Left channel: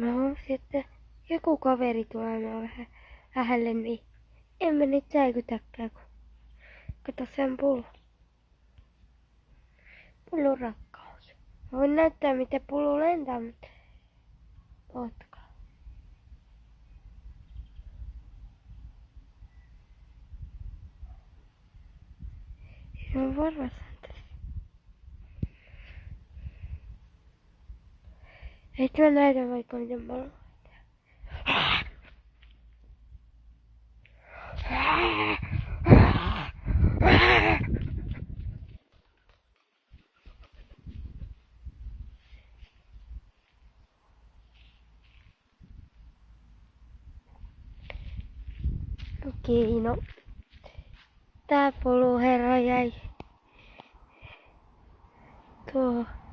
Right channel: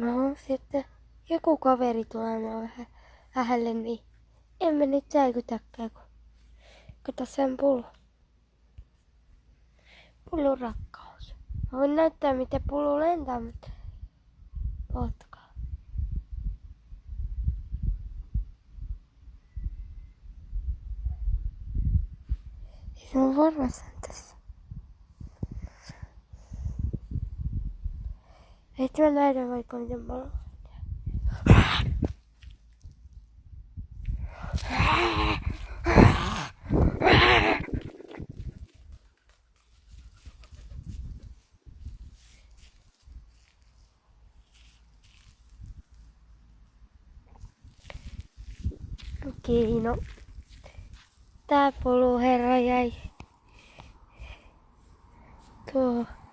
mä huomasin, että joku kaveri tulee vähän lähelle, niin en mä nyt säikytäkään, kun kato sen pullun rakkaus. Mä voin näyttää, miten pullu lentää, mutta ootkaa. Se on varmassaan tässä. Eikö mä näytä vaikka miten mä olen? Okei, no. Tää puluherra jäi tuohon.